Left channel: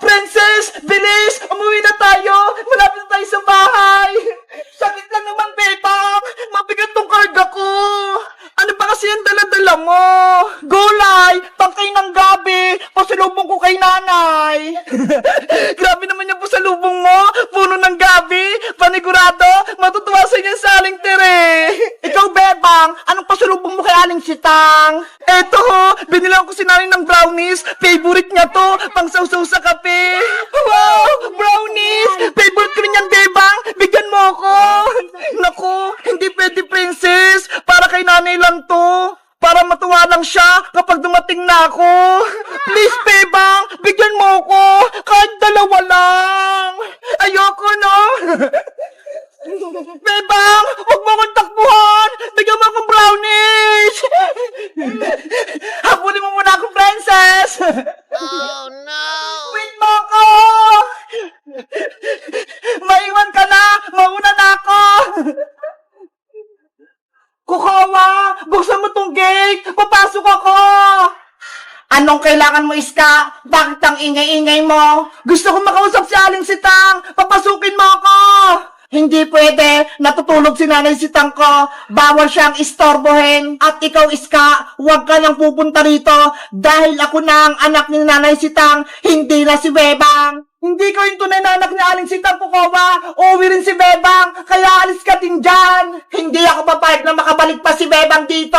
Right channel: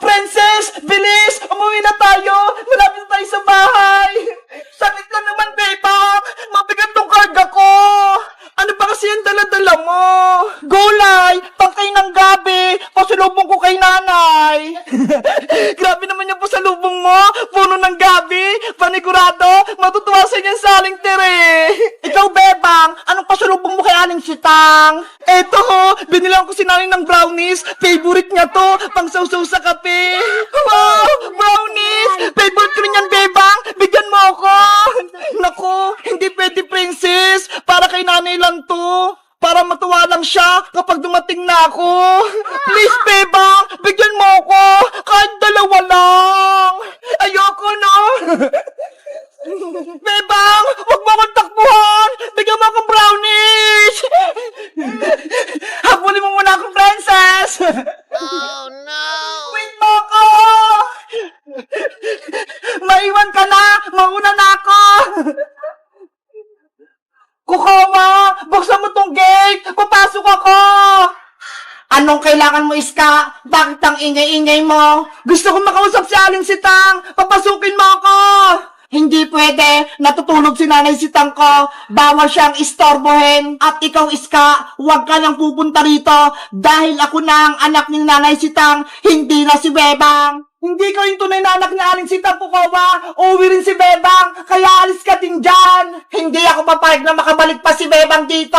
Princess, bilis! Umuwi na tayo! Malapit na tayo sa bahay! Sakit lang naman, Bebang! Mabigat tong karga ko! Ano ba kasi yung dala-dala mo? Gulay! Pangkay ng gabi! Pasalubong ko kay nanay! Grabe naman yung pasalubong mo! Puno ng gabi! Panigurado! Matutuwa sa inyo sa Aling Tere! Ikaw, Bebang! Anong pasalubong mo kay Aling Sitang? Eto ho! Binilang ko si nanay ng brownies! Favorite niya to! Pang-sausaw sa kape! Wow! Brownies! Favorite ko rin yan, Bebang! Bigyan mo ako! Naku! Hindi pwede, Princess! Para kay nanay lang to! Para matuwa lang siya kapag dumating na ako! Please, Bebang! Bigyan mo ako! Kahit dalawa lang! Ayoko, no? Bebang! Huwag mo akong takbuhan! Bigyan mo akong brownies! Habulin mo muna akong, Princess! Oh no! Wait mo ako! Maiwan ka na! Mauna na ako! Kukawa! Buksan mo tong gate! Papasok ako! Anong kailangan mo, Iska? Bakit ang ingay-ingay mo? Gusto kong makausap si Aling Sitang! Papasukin mo ako! Hindi pwede. Natutulog si Nanay Sitang ko. Bawal siyang istorbohin. At ikaw, Iska, huwag ka nang pupunta rito dahil ako na ang anak ni Nanay Sitang, hindi na si Bebang. Hindi ko yung tunay na anak ni Aling Sitang, Pukawa. Uuwi rin si Bebang, kaya alis ka din dyan. Hindi ako papayag na makabalik pa si Bebang dito.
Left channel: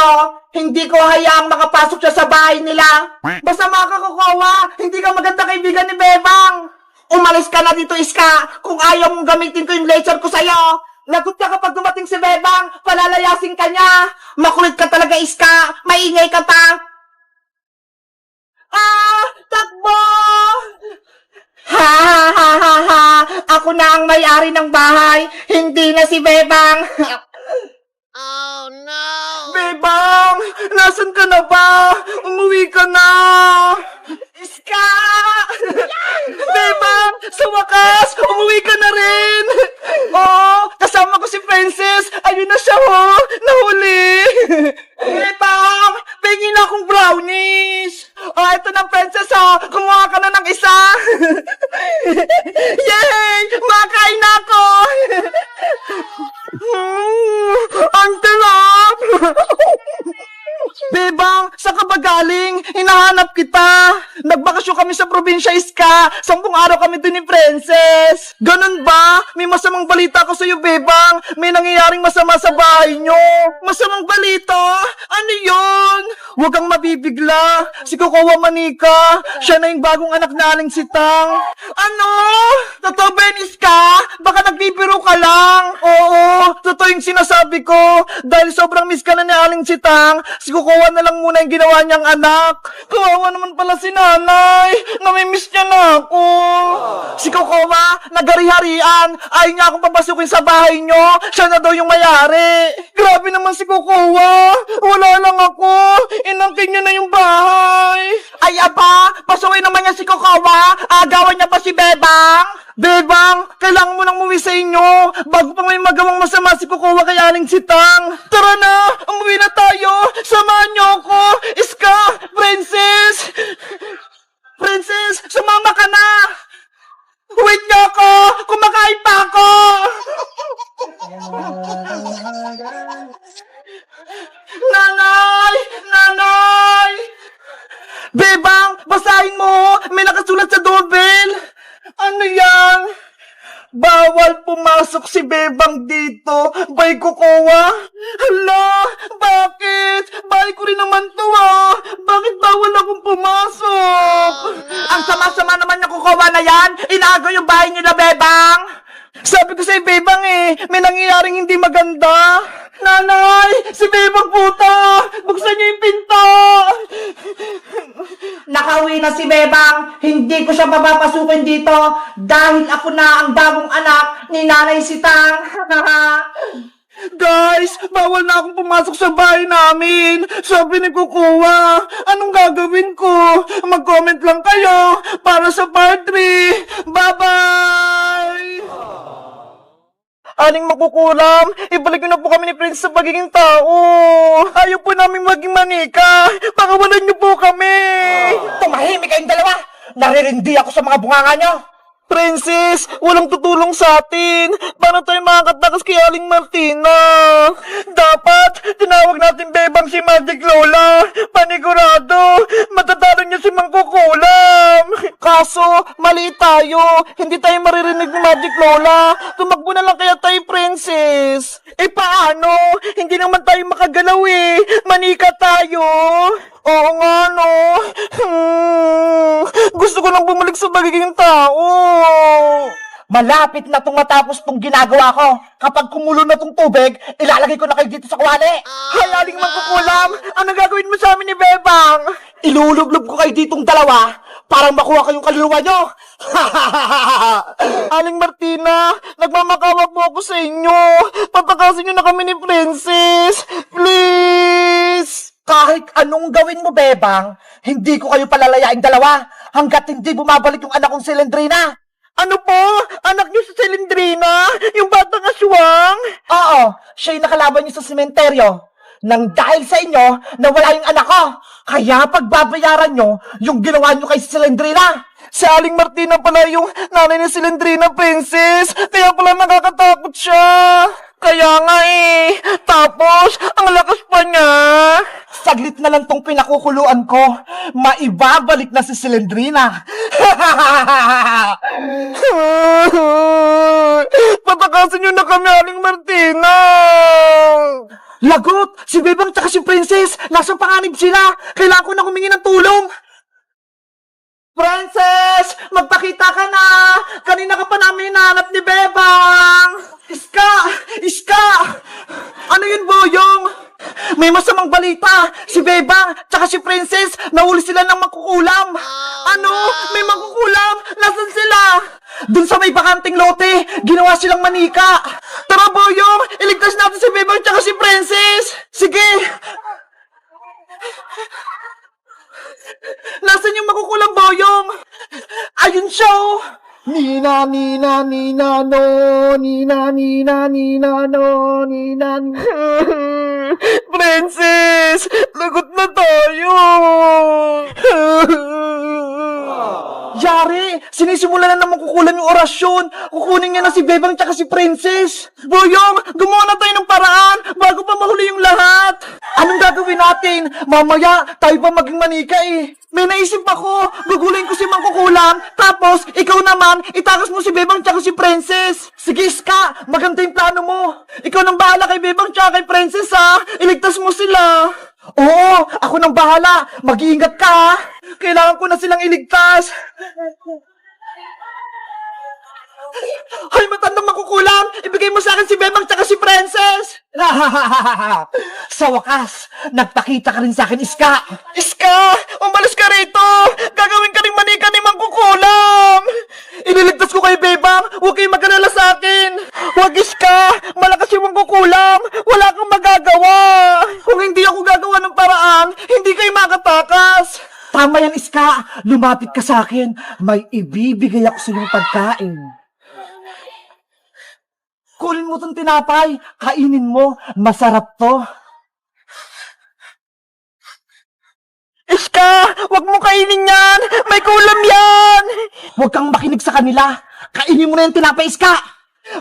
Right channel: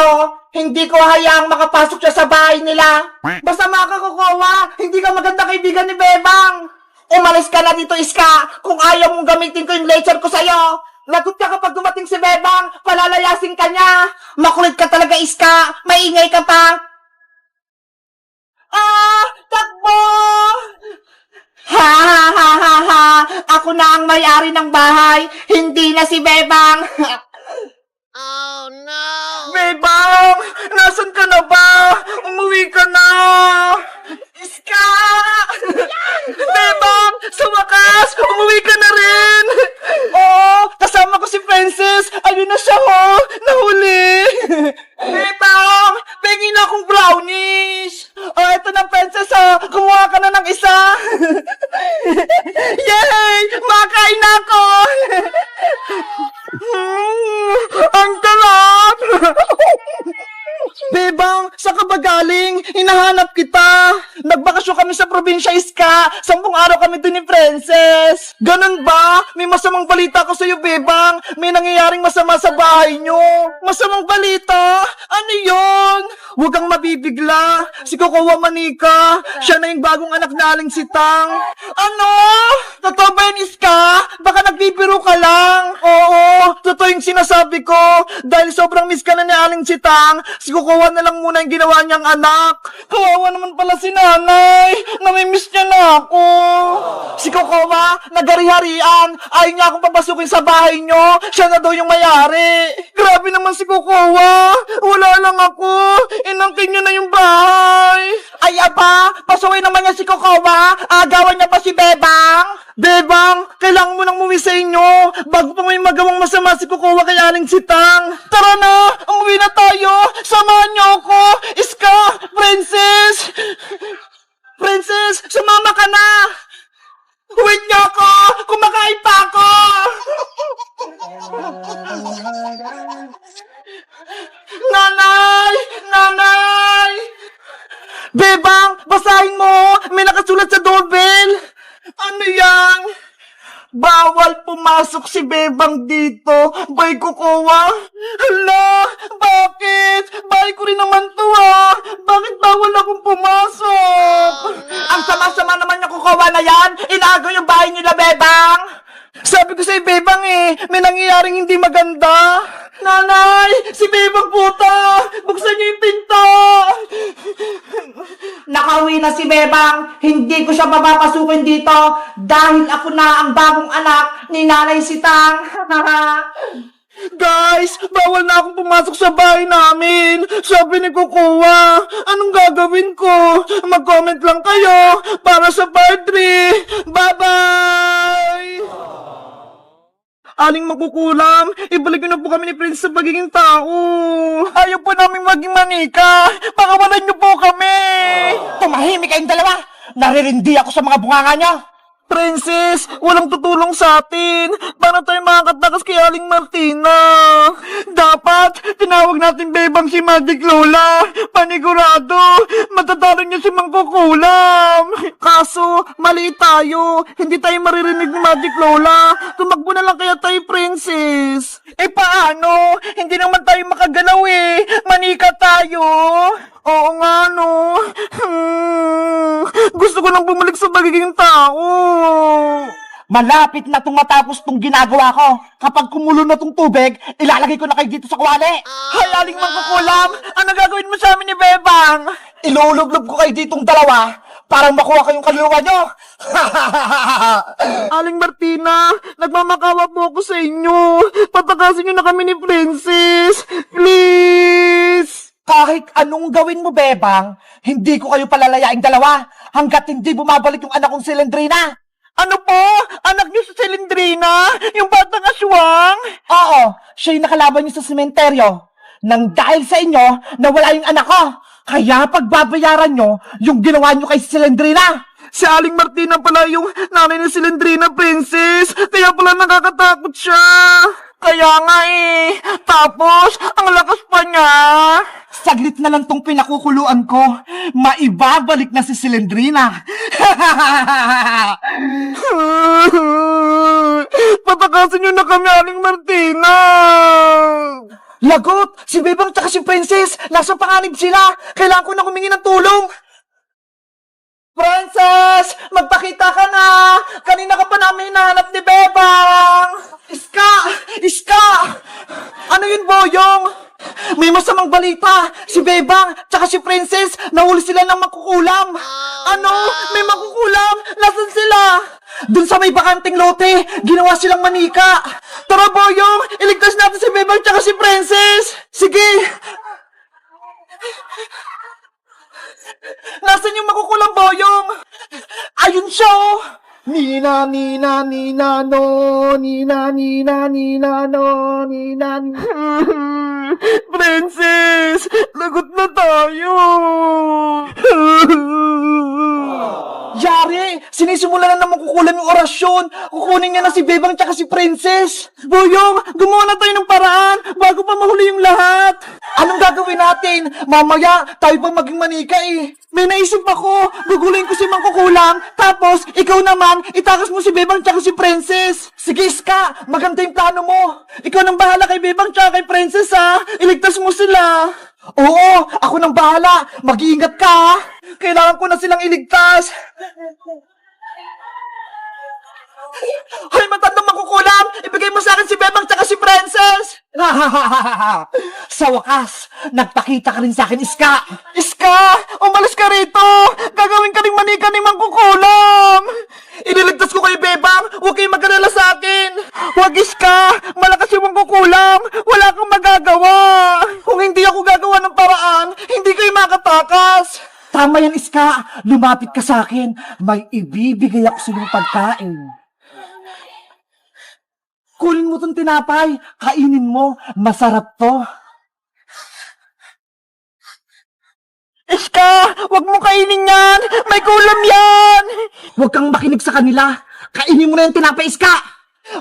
Hindi ko hayaang makapasok siya sa bahay nila. Masama ka, Kukawa. Hindi ka maganda kaibigan ni Bebang. Umalis ka na dito, Iska. Kung ayaw mong gamitin ko yung laser ko sa'yo. Lagot ka kapag dumating si Bebang. Palalayasin ka niya. Makulit ka talaga, Iska. Maingay ka pa. Takbo! Ha ha ha ha ha. Ako na ang may-ari ng bahay. Hindi na si Bebang. Oh no! Bebang! Nasaan ka na ba? Umuwi ka na! Iska! Bebang! Sa wakas! Umuwi ka na rin! Oo! Kasama ko si Princess! Ayun na siya, ho! Nahuli! Bebang! Pengin na akong brownies! Ito na, Princess, ho! Kumuha ka na ng isa! Yay! Makain na ako! Ang talap! Bebang, saan ka ba galing? Hinahanap kita. Nagbakasyon kami sa probinsya, Iska. 10 araw kami dun ni Princess. Ganun ba? May masamang balita ko sa'yo, Bebang. May nangyayaring masama sa bahay nyo. Masamang balita? Ano yun? Huwag kang mabibigla. Si Kokowa Manika, siya na yung bagong anak na Aling Sitang. Ano? Totoo ba yun, Iska? Baka nagbibiro ka lang. Oo, totoo yung sinasabi ko. Dahil sobrang miss ka na ni Aling Sitang, si Kokowa na lang muna yung ginawa niyang anak. Kawawa naman pala si nanay. Namimiss niya na ako. Si Kokowa, nagari-harian. Ayaw niya akong papasukin sa bahay niyo. Siya na daw yung mayari. Grabe naman si Kokowa. Wala lang ako. Inangkin niya na yung bahay. Ay aba, pasaway naman niya si Kokowa. Agawan niya pa si Bebang. Bebang, kailangan mo nang umuwi sa inyo bago pa may magawang masama si Kokowa kay Aling Sitang. Tara na, umuwi na tayo. Samahan niyo ako. Iska, Princess. Princess, sumama ka na. Wait niyo ako. Kumakain pa ako. Nanay! Nanay! Bebang, basahin mo! May nakasulat sa doorbell! Ano yan? Bawal pumasok si Bebang dito! Bay Kokowa! Hala! Bakit? Bahay ko rin naman to, ah! Bakit bawal akong pumasok? Ang sama-sama naman yung Kokowa na yan! Inaagaw yung bahay nila, Bebang! Sabi ko sa'yo, Bebang, may nangyayaring hindi maganda. Nanay! Si Bebang puta! Buksan niyo yung pinto! Nakauwi na si Bebang. Hindi ko siya papapasukin dito dahil ako na ang bagong anak ni Nanay Sitang. Guys, bawal na akong pumasok sa bahay namin. Sabi ni Kukuha, anong gagawin ko? Mag-comment lang kayo para sa part 3. Bye-bye! Aling makukulam, ibalik niyo na po kami ni Prince sa pagiging tao. Ayaw po namin maging manika. Pakawalan niyo po kami. Tumahimik kayong dalawa. Naririndi ako sa mga bunganga niya. Princess, walang tutulong sa atin. Paano tayo makakatakas kay Aling Martina? Dapat, tinawag natin bebang si Magic Lola. Panigurado, matatalo niya si Mangkukulam. Kaso, mali tayo. Hindi tayo maririnig ni Magic Lola. Tumakbo na lang kaya tayo, Princess. Paano? Hindi naman tayo makagalaw Manika tayo. Oo nga, no. Gusto ko lang bumalik sa pagiging tao. Malapit na itong matapos itong ginagawa ko. Kapag kumulo na itong tubig, ilalagay ko na kayo dito sa kuwali. Aling Mangkukulam, ano gagawin mo sa amin ni Bebang? Ilulublob ko kayo ditong dalawa para makuha kayong kaluluwa nyo. Aling Martina, nagmamakawa po ako sa inyo. Patakasin nyo na kami ni Princess. Please! Kahit anong gawin mo, Bebang, hindi ko kayo palalayaing dalawa hanggat hindi bumabalik yung anak kong si Lendrina. Ano po? Anak niyo si Lendrina? Yung batang aswang? Oo, siya yung nakalaban niyo sa sementeryo. Nang dahil sa inyo, nawala yung anak ko. Kaya pagbabayaran nyo yung ginawa nyo kay si Lendrina. Si Aling Martina pala yung nanay ni si Lendrina, Princess. Kaya pala nakakatakot siya. Kaya nga Tapos, ang lakas pa niya. Saglit na lang tong pinakukuluan ko. Maibabalik na si Silendrina. Patakasin niyo na kami, Aling Martina. Lagot! Si Bebang tsaka si Princess, nasa panganib sila. Kailangan ko na humingi ng tulong. Princess! Magpakita ka na! Kanina ka pa namin hinahanap ni Bebang! Iska! Iska! Ano yun, Boyong? May masamang balita! Si Bebang tsaka si Princess nahuli sila ng Mangkukulam! Ano? May Mangkukulam? Nasaan sila? Dun sa may bakanting lote, ginawa silang manika! Tara, Boyong! Iligtas natin si Bebang tsaka si Princess! Sige! Nasaan yung Mangkukulam, Boyong? Ayun siya, Nina, Nina, Nina, no. Nina, Nina, Nina, no. Nina, Princess! Lagot na tayo! Yari! Sinisimulan na Mangkukulam yung orasyon! Kukunin niya na si Bebang tsaka si Princess! Boyong! Gumawa na tayo ng paraan bago pa mahuli yung lahat! Anong gagawin natin? Mamaya, tayo pa maging manika May naisip ako! Gugulin ko si Mangkukulam, tapos ikaw naman, itakas mo si Bebang tsaka si Princess! Sige, Iska! Maganda yung plano mo! Ikaw nang bahala kay Bebang tsaka kay Princess, ha? Iligtas mo sila! Oo! Ako nang bahala! Mag-iingat ka, ha? Kailangan ko na silang iligtas! Hoy, matandang Mangkukulam! Ibigay mo sa akin si Bebang tsaka si Princess! Sa wakas, nagpakita ka rin sa akin, Iska! Iska! Umalis ka rito! Gagawin ka rin manika ni Mangkukulam! Iniligtas ko kay Bebang! Huwag kayong mag-alala sa akin! Huwag, Iska! Malakas yung Mangkukulam! Wala kang magagawa! Kung hindi ako gagawa ng paraan, hindi kayo makatakas! Tama yan, Iska! Lumapit ka sa akin! May ibibigay ako sa iyong pagkain! Kunin mo tong tinapay. Kainin mo. Masarap to. Iska! Huwag mo kainin yan! May kulam yan! Huwag kang makinig sa kanila. Kainin mo na yung tinapay, Iska!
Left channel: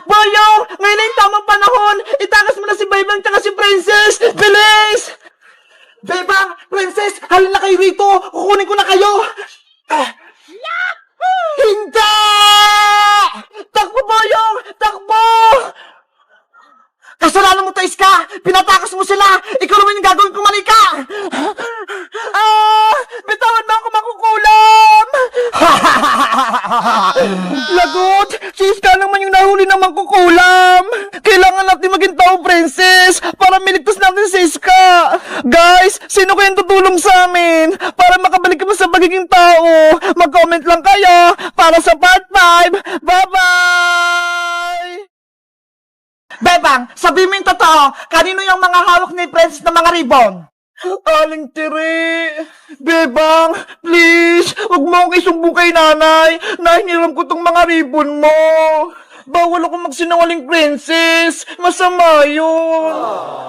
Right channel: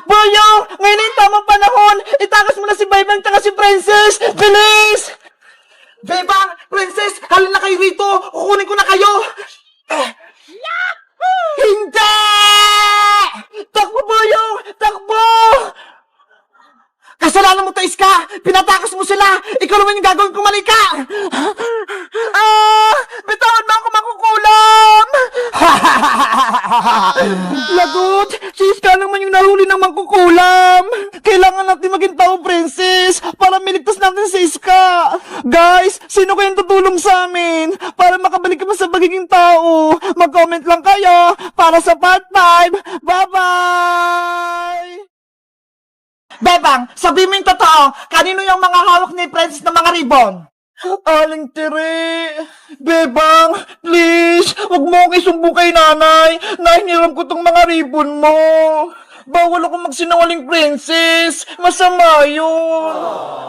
Boyong! Ngayon na yung tamang panahon! Itakas mo na si Bebang tsaka si Princess! Bilis! Bebang! Princess! Halina kayo rito! Kukunin ko na kayo! Hindi! Takbo, Boyong! Takbo! Kasalanan mo to, Iska! Pinatakas mo sila! Ikaw naman yung gagawin ko, manika! Bitawan mo ako, Mangkukulam! Lagot! Si Iska naman yung nahuli ng Mangkukulam! Kailangan natin maging tao, Princess! Para miligtas natin si Iska! Guys, sino kayang tutulong sa amin? Para makabalik kami sa pagiging tao! Mag-comment lang kayo para sa part 5! Bye-bye! Bebang, sabi mo yung totoo, kanino yung mga hawak ni Princess na mga ribbon? Aling Tiri! Bebang, please! Huwag mo akong isumbong kay nanay! Nahingiram ko tong mga ribbon mo! Bawal ako magsinungaling, Princess! Masama yun!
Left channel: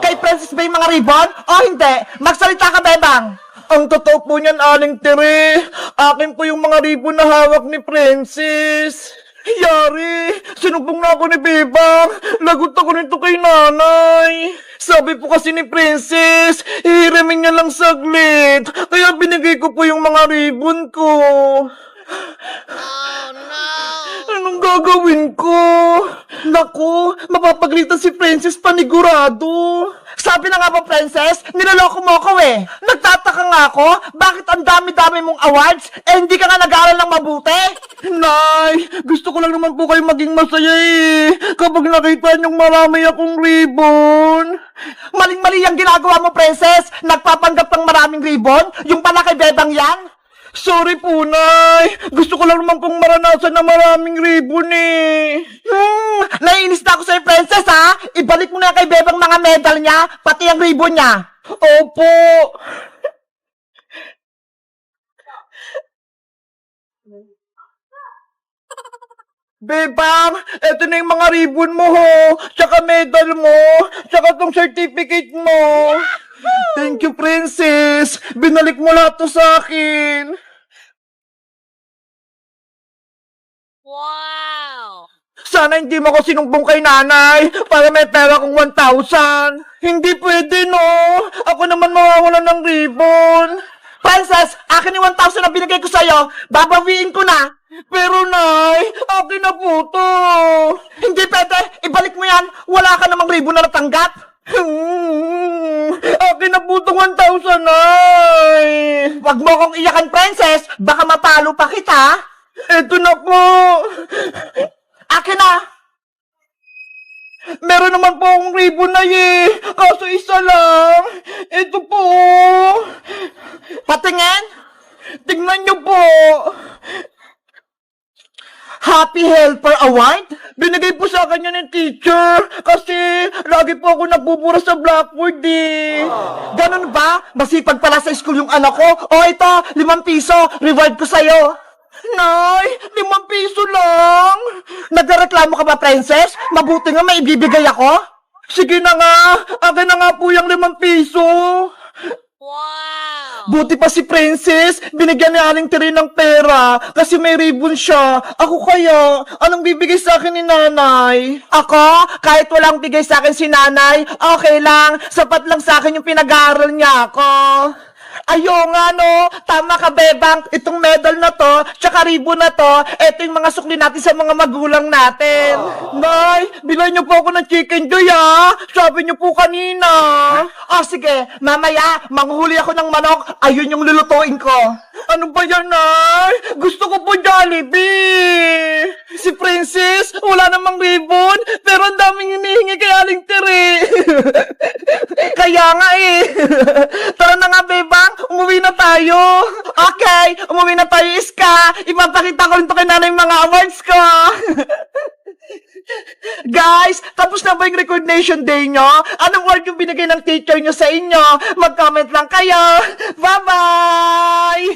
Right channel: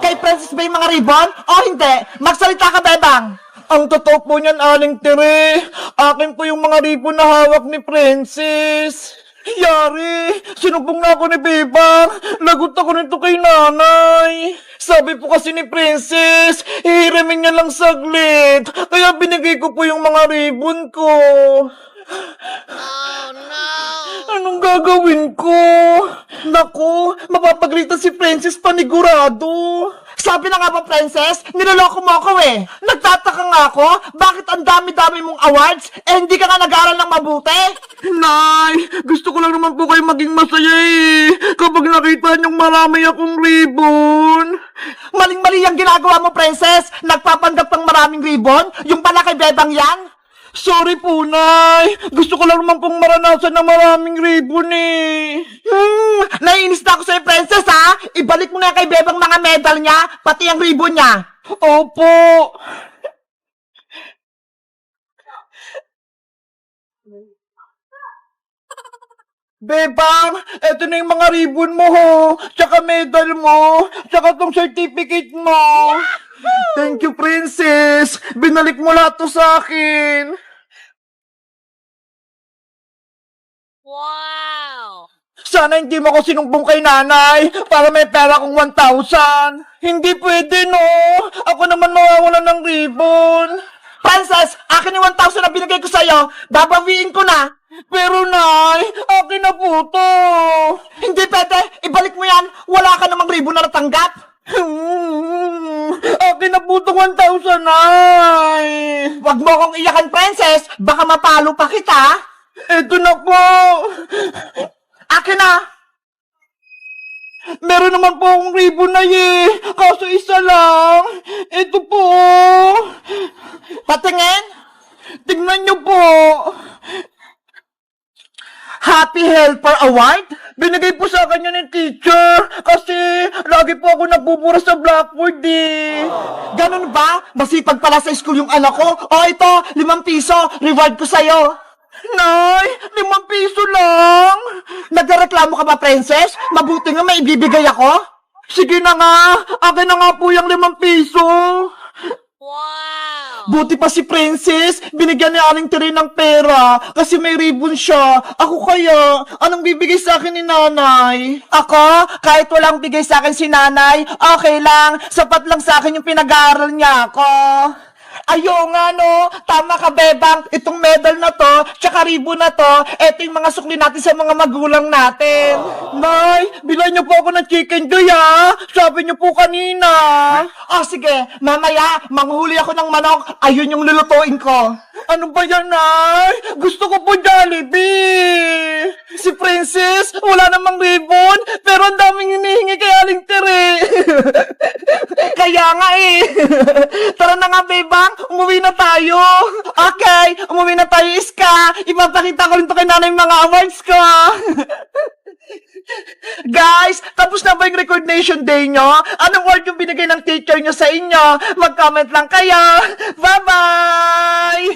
Kay Princess ba yung mga ribbon? O hindi? Magsalita ka, Bebang! Ang totoo po niyan, Aling Tere. Akin po yung mga ribbon na hawak ni Princess. Yari, sinumpong na ako ni Bebang. Lagot ako nito kay nanay. Sabi po kasi ni Princess, ihiramin niya lang saglit. Kaya binigay ko po yung mga ribbon ko. Oh no! Anong gagawin ko? Naku, mapapagalitan si Princess panigurado. Sabi na nga ba, Princess, niloloko mo ako eh. Nagtataka nga ako, bakit ang dami-dami mong awards, eh hindi ka nga nag-aaral ng mabuti? Nay, gusto ko lang naman po kayo maging masaya eh. Kapag nakita niyong marami akong ribbon. Maling-mali ang ginagawa mo, Princess. Nagpapanggap ng maraming ribbon, yung pala kay Bebang yan. Sorry po, Nay. Gusto ko lang naman pong maranasan na maraming ribbon eh. Naiinis na ako sa'yo, Princess, ha? Ibalik mo na kay Bebang mga medal niya, pati ang ribbon niya. Opo. Bebang, eto na yung mga ribbon mo, ho. Tsaka medal mo. Tsaka tong certificate mo. Thank you, Princess. Binalik mo lahat to sa akin. Wow! Sana hindi mo ako sinumbong kay nanay para may pera kong 1,000. Hindi pwede, no? Ako naman mawawalan ng ribbon. Princess, akin yung 1,000 na binigay ko sa'yo. Babawiin ko na. Pero, Nay, akin na po to. Hindi pwede. Ibalik mo yan. Wala ka namang ribbon na natanggap. Akin na po itong 1,000, Nay. Huwag mo akong iyakan, Princess. Baka mapalo pa kita. Eto na po. Akin na. Meron naman po akong ribbon na kaso isa lang. Ito po. Patingin. Tingnan niyo po. Happy Helper Award? Binigay po sa akin yun ng teacher kasi lagi po ako nabubura sa blackboard eh. Ganun ba? Masipag pala sa school yung anak ko. O ito, 5 piso. Reward ko sa'yo. Nay, 5 piso lang. Nagreklamo ka ba, Princess? Mabuti nga may ibibigay ako. Sige na nga. Akin na nga po yung 5 piso. Wow! Buti pa si Princess, binigyan ni Aling Tere ng pera kasi may ribbon siya. Ako kaya, anong bibigay sa akin ni nanay? Ako, kahit walang bigay sa akin si nanay, okay lang, sapat lang sa akin yung pinag-aaral niya ako. Ayo nga no, tama ka Bebang, itong medal na to, tsaka ribbon na to, eto yung mga sukli natin sa mga magulang natin. Nay, bilay niyo po ako ng chicken joy ha, sabi niyo po kanina. Sige, mamaya, manghuli ako ng manok, ayun yung lulutuin ko. Ano ba yan, Nay? Gusto ko po Jollibee. Si Princess, wala namang ribbon, pero ang daming hinihingi kay Aling Tere. Kaya nga eh. Tara na nga, Bebang, umuwi na tayo. Okay, umuwi na tayo, Iska. Ipapakita ko rin to kay nanay mga awards ko. Guys, tapos na ba yung recognition day nyo? Anong award yung binigay ng teacher nyo sa inyo? Mag-comment lang kayo. Bye-bye!